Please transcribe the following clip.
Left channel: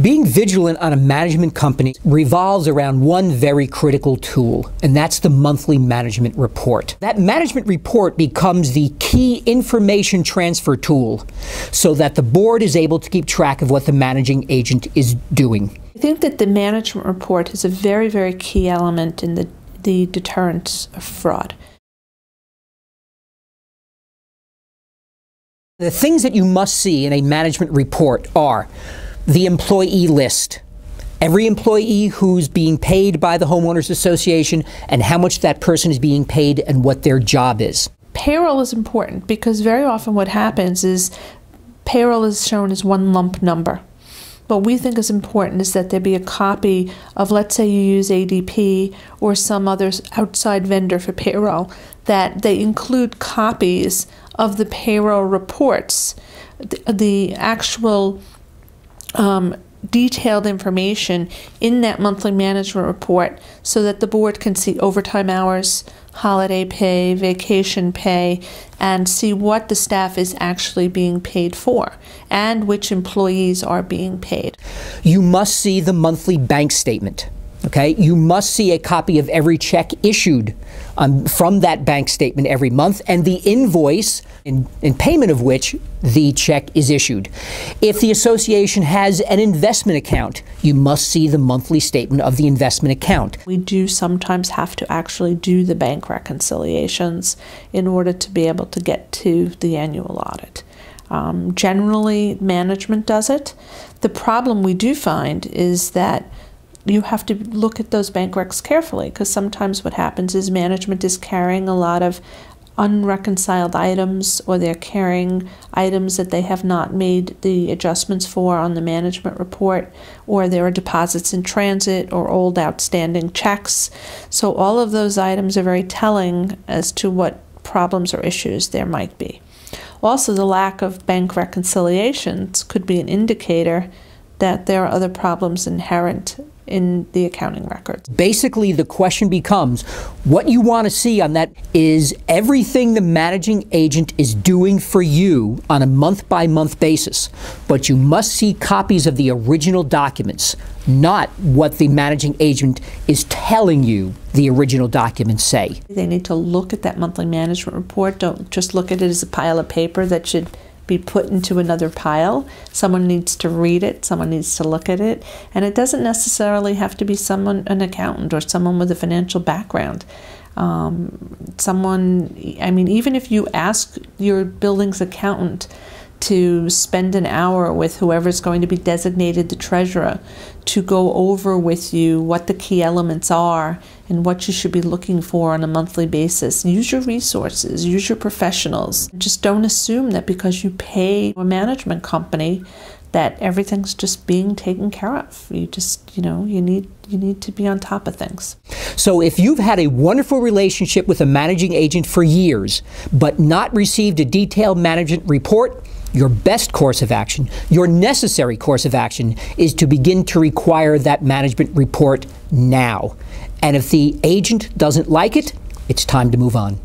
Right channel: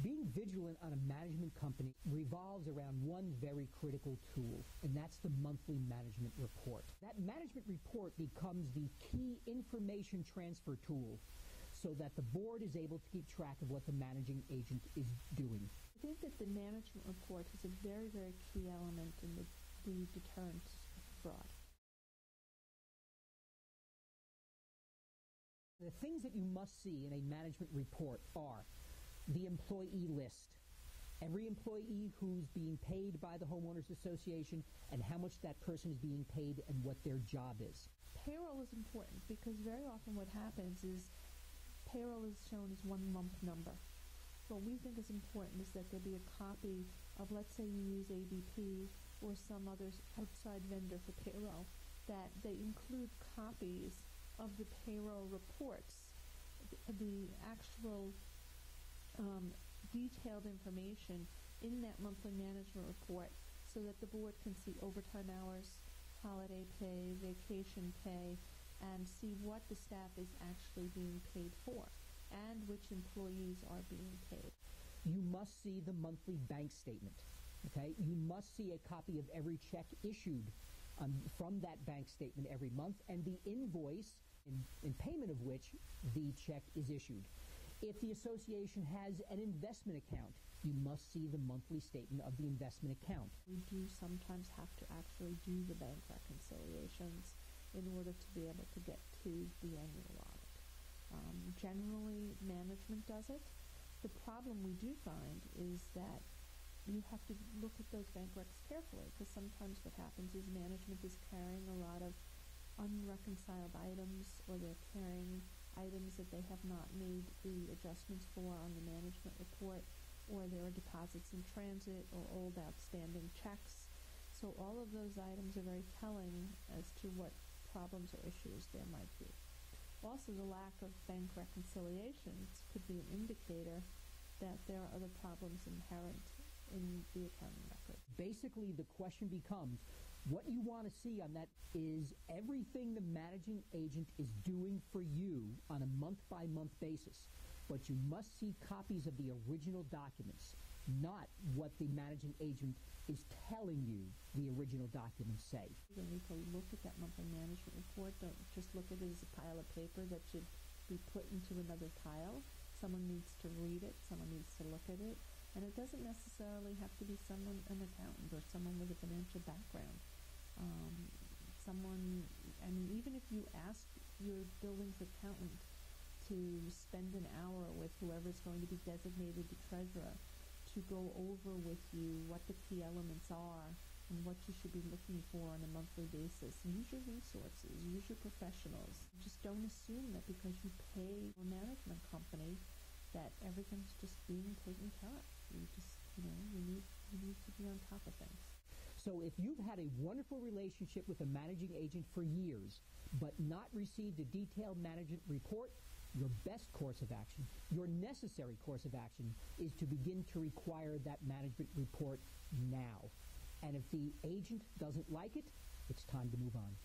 Being vigilant on a management company revolves around one very critical tool, and that's the monthly management report. That management report becomes the key information transfer tool so that the board is able to keep track of what the managing agent is doing. I think that the management report is a very, very key element in the deterrence of fraud. The things that you must see in a management report are the employee list, every employee who's being paid by the Homeowners Association and how much that person is being paid and what their job is. Payroll is important because very often what happens is payroll is shown as one lump number. What we think is important is that there be a copy of, let's say you use ADP or some other outside vendor for payroll, that they include copies of the payroll reports, the actual detailed information in that monthly management report so that the board can see overtime hours, holiday pay, vacation pay, and see what the staff is actually being paid for and which employees are being paid. You must see the monthly bank statement. Okay? You must see a copy of every check issued from that bank statement every month and the invoice in payment of which the check is issued. If the association has an investment account, you must see the monthly statement of the investment account. We do sometimes have to actually do the bank reconciliations in order to be able to get to the annual audit. Generally, management does it. The problem we do find is that you have to look at those bank recs carefully because sometimes what happens is management is carrying a lot of unreconciled items, or they're carrying items that they have not made the adjustments for on the management report, or there are deposits in transit or old outstanding checks. So all of those items are very telling as to what problems or issues there might be. Also, the lack of bank reconciliations could be an indicator that there are other problems inherent in the accounting records. Basically, the question becomes, what you want to see on that is everything the managing agent is doing for you on a month-by-month basis. But you must see copies of the original documents, not what the managing agent is telling you the original documents say. They need to look at that monthly management report. Don't just look at it as a pile of paper that should be put into another pile. Someone needs to read it, someone needs to look at it, and it doesn't necessarily have to be an accountant or someone with a financial background. I mean, even if you ask your building's accountant to spend an hour with whoever's going to be designated the treasurer to go over with you what the key elements are and what you should be looking for on a monthly basis. Use your resources, use your professionals. Just don't assume that because you pay a management company that everything's just being taken care of. You just, you need to be on top of things. So if you've had a wonderful relationship with a managing agent for years, but not received a detailed management report, your best course of action, your necessary course of action, is to begin to require that management report now. And if the agent doesn't like it, it's time to move on.